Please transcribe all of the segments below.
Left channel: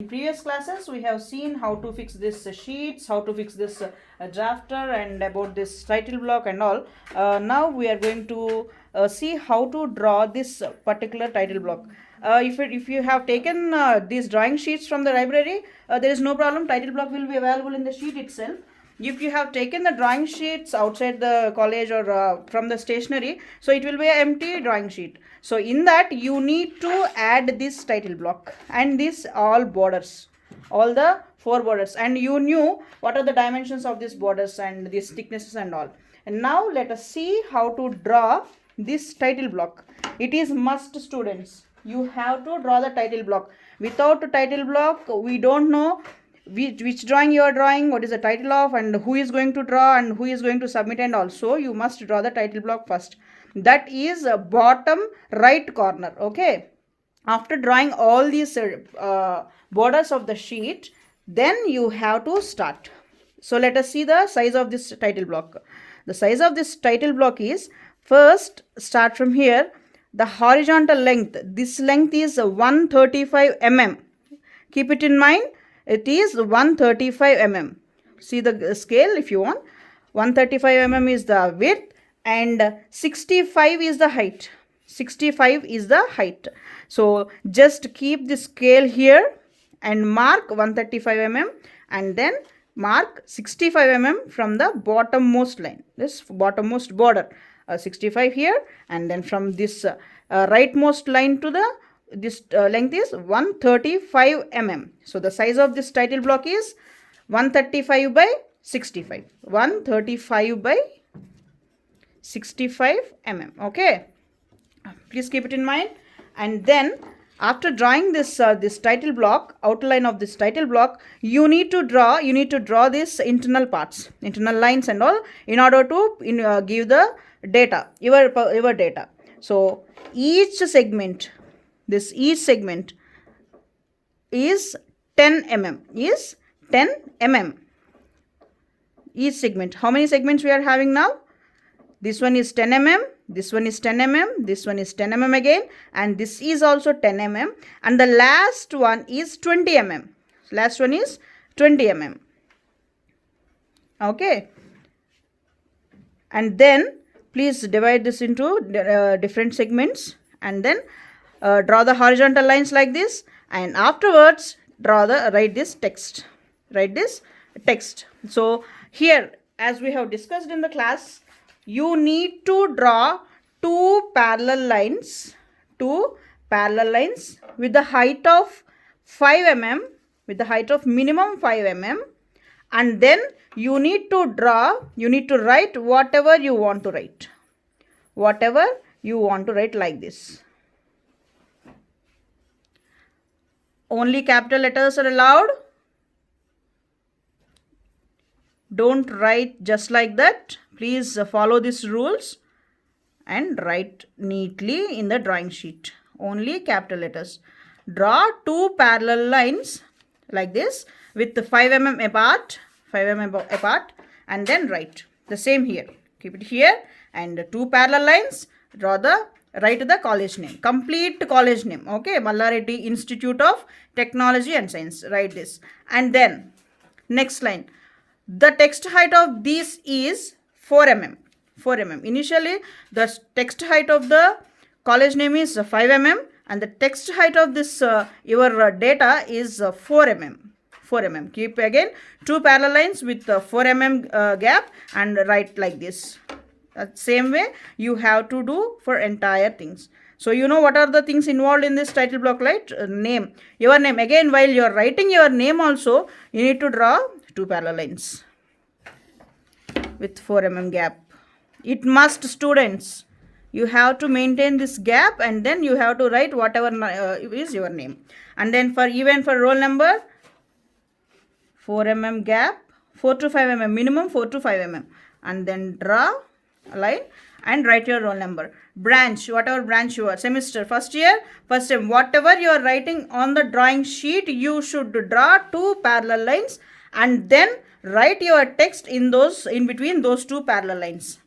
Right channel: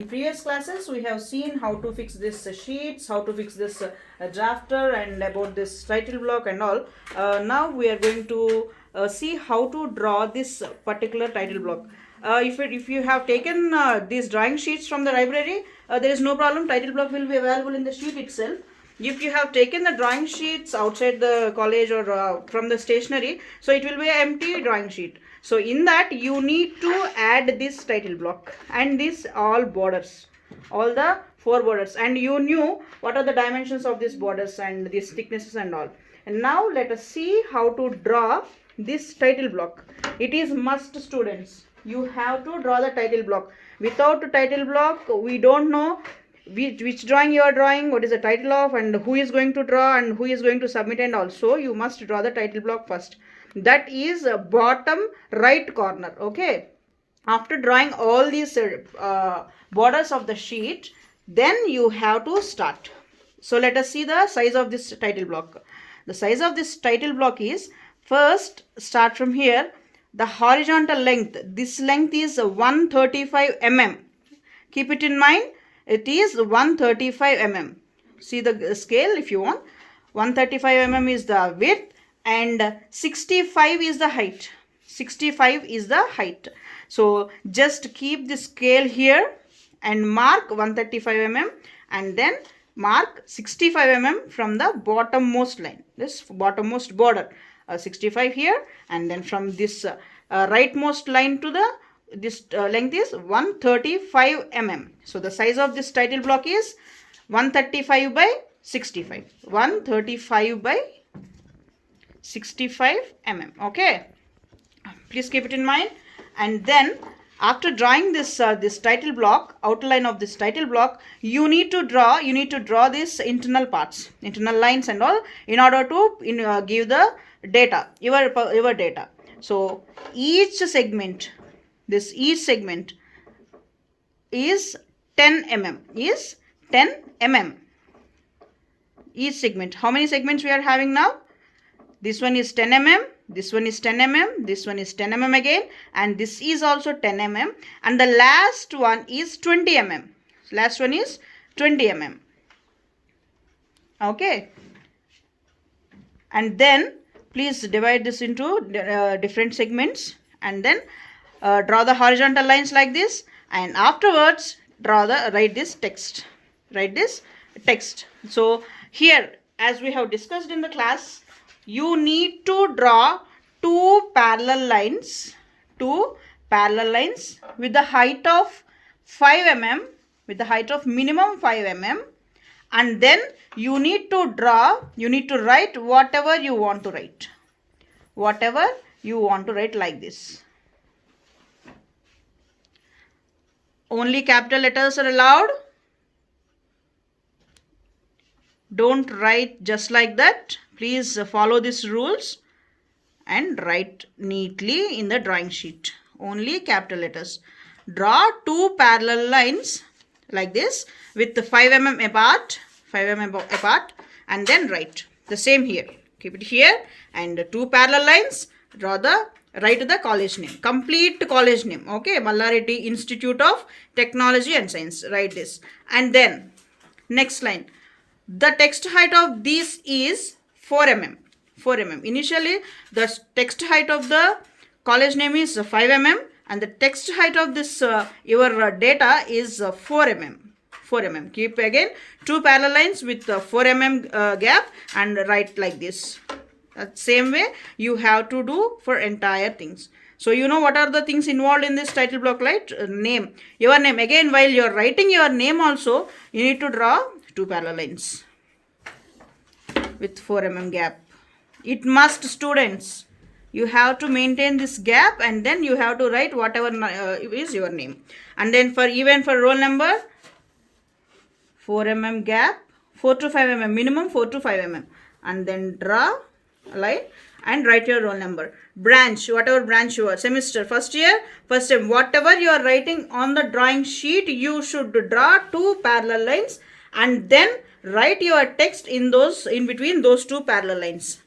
In previous classes, we have seen how to fix this sheets, how to fix this drafter, and about this title block and all. Now we are going to see how to draw this particular title block. If you have taken these drawing sheets from the library, there is no problem. Title block will be available in the sheet itself. If you have taken the drawing sheets outside the college or from the stationery, so it will be an empty drawing sheet. So in that you need to add this title block and this all borders, all the four borders, and you knew what are the dimensions of these borders and these thicknesses and all. And now let us see how to draw this title block. It is must, students. You have to draw the title block. Without the title block, we don't know which drawing you are drawing, what is the title of, and who is going to draw and who is going to submit, and also you must draw the title block first. That is bottom right corner. Okay, after drawing all these borders of the sheet, then you have to start. So let us see the size of this title block. The size of this title block is, first start from here. The horizontal length, this length is 135 mm. Keep it in mind, it is 135 mm. See the scale if you want. 135 mm is the width and 65 is the height. 65 is the height. So just keep the scale here and mark 135 mm and then mark 65 mm from the bottommost line, this bottommost border. 65 here, and then from this rightmost line to the this length is 135 mm. So the size of this title block is 135 by 65. 135 by 65 mm. Okay, please keep it in mind. And then after drawing this this title block, outline of this title block, you need to draw this internal parts, internal lines and all, in order to give the data, your data. So each segment, each segment is 10 mm, is 10 mm. Each segment, how many segments we are having now? This one is 10 mm, this one is 10 mm, this one is 10 mm again, and this is also 10 mm, and the last one is 20 mm. Last one is 20 mm. Okay, and then please divide this into different segments, and then draw the horizontal lines like this, and afterwards write this text. So here, as we have discussed in the class, you need to draw two parallel lines with the height of 5 mm, with the height of minimum 5 mm, and then you need to write whatever you want to write. Like this. Only capital letters are allowed. Don't write just like that. Please follow these rules and write neatly in the drawing sheet. Only capital letters. Draw two parallel lines like this with 5 mm apart, and then write the same here. Keep it here, and two parallel lines. Write the college name, complete college name. Okay, Mallareddy Institute of Technology and Science. Write this, and then next line. The text height of this is 4 mm. 4 mm. Initially, the text height of the college name is 5 mm, and the text height of this your data is 4 mm. 4 mm. Keep again two parallel lines with 4 mm gap and write like this. Same way you have to do for entire things. So you know what are the things involved in this title block, right? Name, your name. Again, while you are writing your name also, you need to draw two parallel lines with 4 mm gap. It must, students. You have to maintain this gap, and then you have to write whatever is your name. And then for roll number, 4 mm gap, 4 to 5 mm, minimum 4 to 5 mm. And then draw a line and write your roll number. Branch, whatever branch you are, semester, first year, first time, whatever you are writing on the drawing sheet, you should draw two parallel lines and then write your text in between those two parallel lines,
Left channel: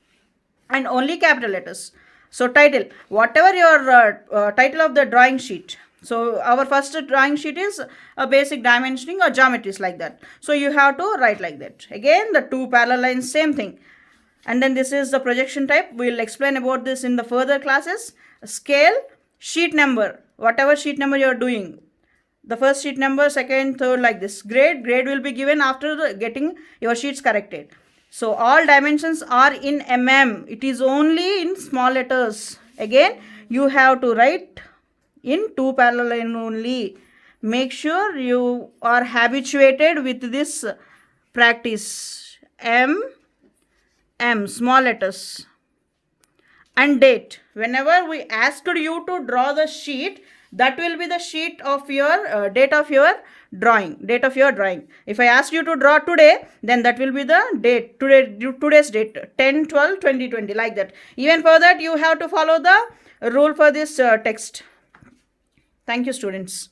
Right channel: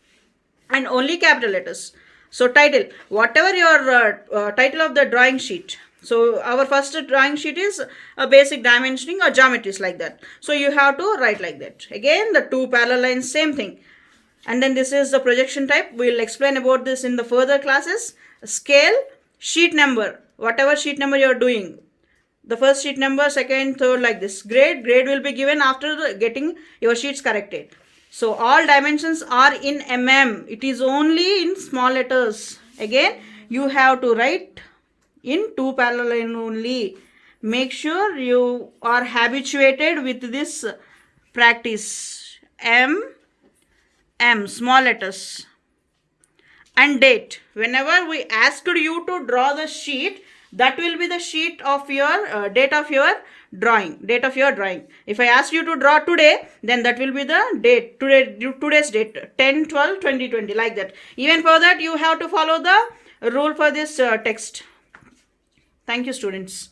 and only capital letters. So title, whatever your title of the drawing sheet, So our first drawing sheet is a basic dimensioning or geometries like that. So you have to write like that. Again, the two parallel lines, same thing. And then this is the projection type. We'll explain about this in the further classes. Scale, sheet number, whatever sheet number you are doing. The first sheet number, second, third, like this. Grade will be given after getting your sheets corrected. So all dimensions are in mm. It is only in small letters. Again, you have to write in two parallel line only. Make sure you are habituated with this practice. M, small letters. And date. Whenever we asked you to draw the sheet, that will be the sheet of your date of your drawing. If I ask you to draw today, then that will be the date. Today's date, 10/12/2020, like that. Even for that, you have to follow the rule for this text. Thank you, students.